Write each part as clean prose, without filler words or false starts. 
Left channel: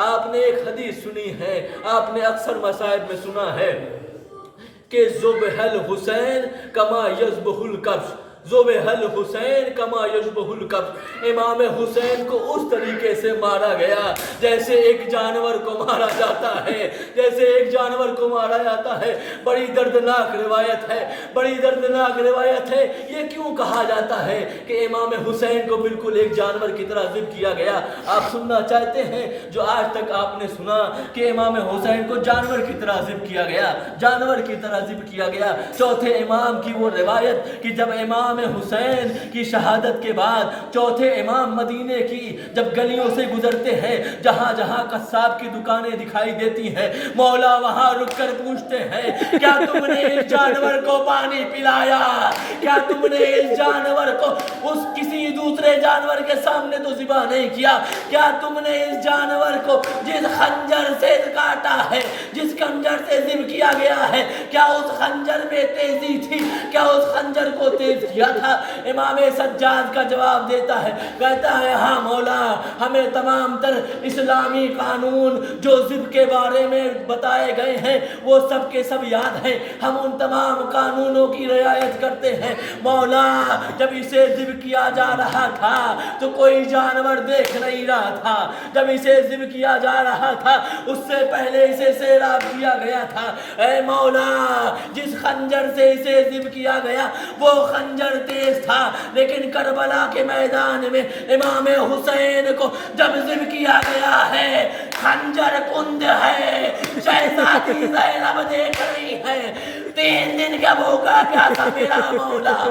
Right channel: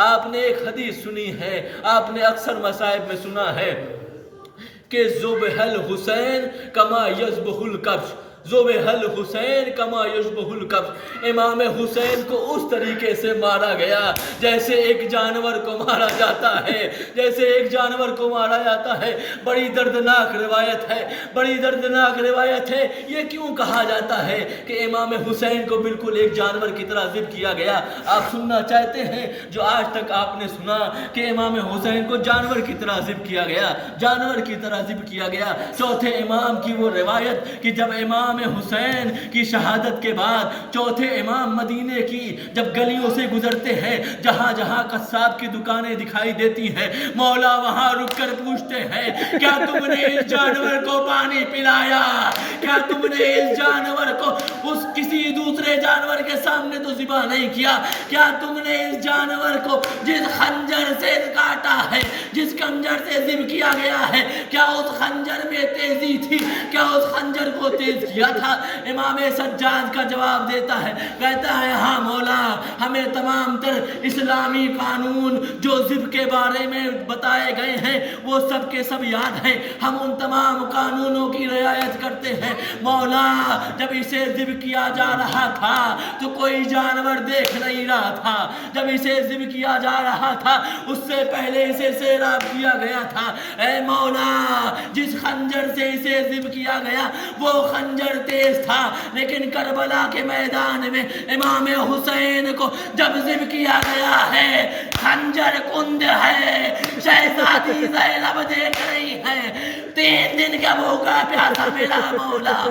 آپ نے ایک حدیث سنی ہے، آپ نے اکثر مصائب میں سنا ہے کہ ذبح الحسین کما یذبح الکبش، ذبح الحسین کما یذبح الکبش، امام حسین کو اس طریقے سے مارا گیا جیسے ایک جانور کو مارا جاتا ہے، جیسے ایک جانور کو مارا جاتا ہے۔ بڑی دردناک روایت ہے، بڑی دردناک روایت ہے۔ یہ کیوں کہا جاتا ہے کہ امام حسین کو بالکل ایک جانور کی طرح ذبح کیا گیا؟ آپ سننا چاہتے ہیں جو آج تک آپ نے سنا کہ امام حسین کو جانور کی طرح ذبح کیا گیا، جانور کی طرح ذبح کیا گیا؟ چوتھے امام کی وہ روایت کہ جب امام حسین کی شہادت کے بعد چوتھے امام مدینے کی جب گلیوں سے گزرتے ہیں، جہاں جہاں قصاب کی دکانیں دکھائی دیتی ہیں، مولا وہاں رک کر پوچھتے ہیں کیا تم نے اس جانور کو پانی پلایا؟ کیا تم نے اس جانور کو اس کسی دوسرے جانور کے سامنے تو ذبح نہیں کیا؟ کیا تم نے اس جانور کو جس خنجر سے کاٹا ہے، جس خنجر سے ذبح کیا گیا ہے، کیا اس خنجر میں تیزی تھی؟ کیا اس خنجر کو تیز کیا تھا؟ امام سجاد کا جواب دیتا ہے، کہتا ہے ہاں مولا، ہمیں تمام تر اسلامی قانون جو ذبح کے بارے میں بتائے گئے ہیں وہ سب کے سب یاد ہیں، ہم ان تمام قانونوں کی رعایت کرتے ہیں۔ مولا جب اسے ذبح کیا جا رہا تھا تو کوئی جانور دیکھ نہیں رہا تھا، جب اسے ذبح کیا جا رہا تھا اس سے پہلے اسے سیراب کیا گیا تھا۔ اے مولا جس خنجر سے اسے ذبح کیا گیا وہ خنجر تیز تھا، لیکن کربلا کے میدان میں امام حسین کو جب ذبح کیا گیا ہے خنجر کند ہے، شہزادی زینب دیکھ رہی ہے، 3 دن کا بھوکا پیاسا میرا مولا۔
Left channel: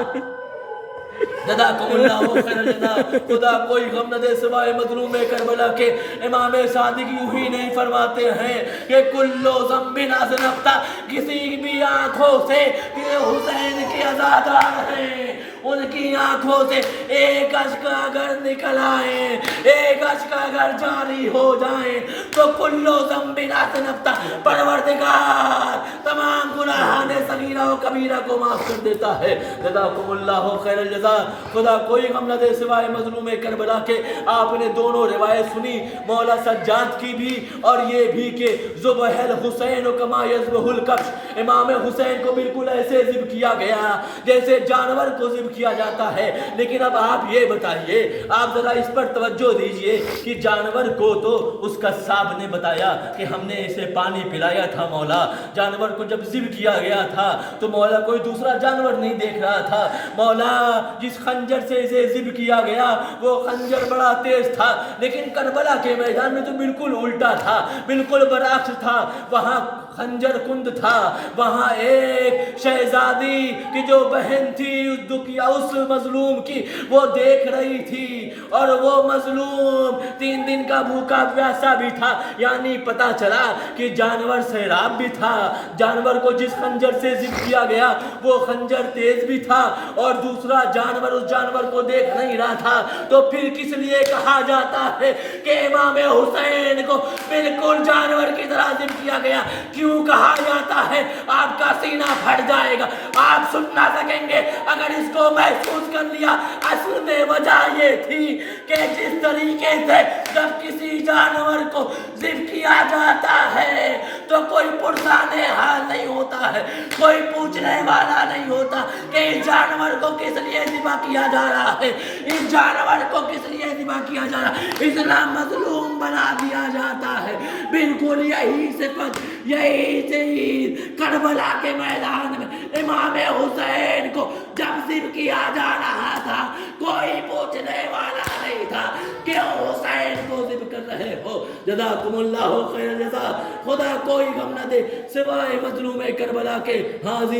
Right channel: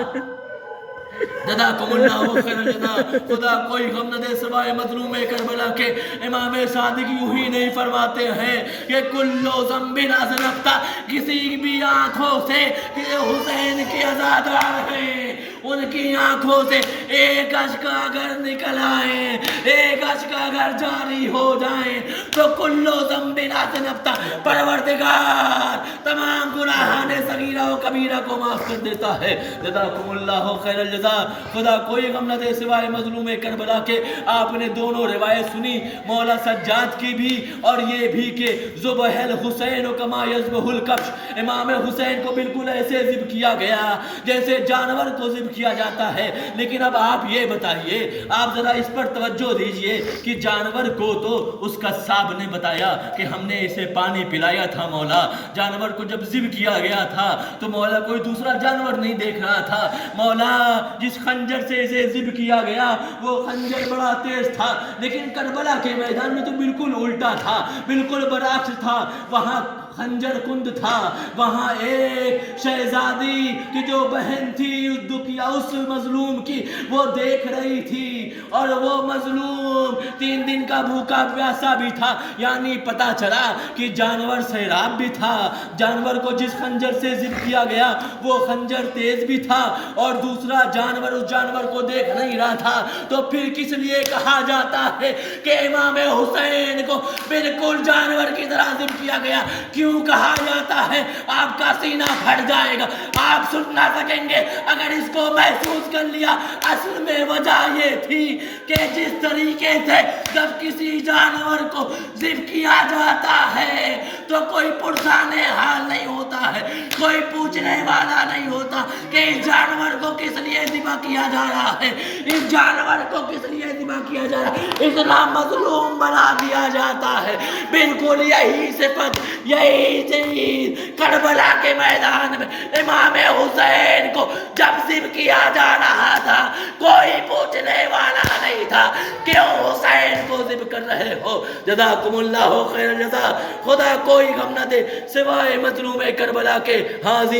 جزاکم اللہ خیر الجزا۔ خدا کوئی غم نہ دے سوائے مظلوم کربلا کے۔ امام صادق یوں ہی نہیں فرماتے ہیں کہ کلو ذنب اذنبت، کسی بھی آنکھوں سے کہ حسین کے عزادار ہیں، ان کی آنکھوں سے ایک اشک اگر نکل آئے، ایک اشک اگر جاری ہو جائیں تو کلو ذنب اذنبت، پروردگار تمام گناہان صغیرہ و کبیرہ کو معاف کر دیتا ہے۔ جزاکم اللہ خیر الجزا۔ خدا کوئی غم نہ دے سوائے مظلوم کربلا کے۔ آپ نے دونوں روایت سنی، مولا سجاد کی بھی اور یہ بھی کہ ذبح الحسین کما یذبح الکبش، امام حسین کو بالکل ایسے ذبح کیا گیا جیسے جانور کو ذبح کیا جاتا ہے۔ لیکن اب آپ یہ بتائیے، آپ ذرا اس پر توجہ دیجئے کہ جانور کو تو اس قصاب نے بتایا کہ ہم نے اسے پانی پلایا تھا مولا، جانور کو جب ذبح کیا گیا تھا تو مولا کوئی دوسرا جانور نہیں دیکھ رہا تھا، مولا جس خنجر سے اسے ذبح کیا گیا وہ خنجر بڑا تیز تھا، لیکن کربلا کے میدان میں تو بالکل الٹا تھا، بالکل برعکس تھا۔ وہاں خنجر کند تھا، وہاں ایک شہزادی کی جو بہن تھی اس مظلوم کی وہ دیکھ رہی تھی، اور وہ مظلوم 3 دن کا بھوکا پیاسا بھی تھا، یعنی پتا چلا کہ جانور سیراب بھی تھا، جانور کو جس خنجر سے ذبح کیا گیا وہ خنجر تیز بھی تھا، اور دوسرا جانور اس جانور کو دیکھ نہیں رہا تھا۔ تو پھر کس لیے کہا جاتا ہے کہ امام حسین کو بالکل جانور کی طرح ذبح کیا گیا؟ کیوں کہا جاتا ہے؟ آپ کا سینہ پھٹ جائے گا، آپ سن نہ سکیں گے اگر اس کو محسوس کر لیا۔ اصل میں وجہ یہ تھی کہ جس طریقے سے جب کسی جانور کو ذبح کیا جاتا ہے تو کوئی پرسان حال نہیں ہوتا ہے، کوئی پوچھنے والا نہیں ہوتا کہ اس جانور کو کس لیے ذبح کیا جا رہا ہے، اس جانور کو کس لیے ذبح کیا جا رہا ہے، اتنا مظلوم بنا دیا جاتا ہے۔ بالکل یہی صفت، یہی چیز کربلا کے میدان میں امام حسین کو جب ذبح کیا جا رہا تھا کوئی پوچھنے والا نہیں تھا کیوں حسین کو ذبح کر رہے ہو۔ جزاکم اللہ خیر الجزا۔ خدا کوئی غم نہ دے سوائے مظلوم کربلا کے۔ حاضر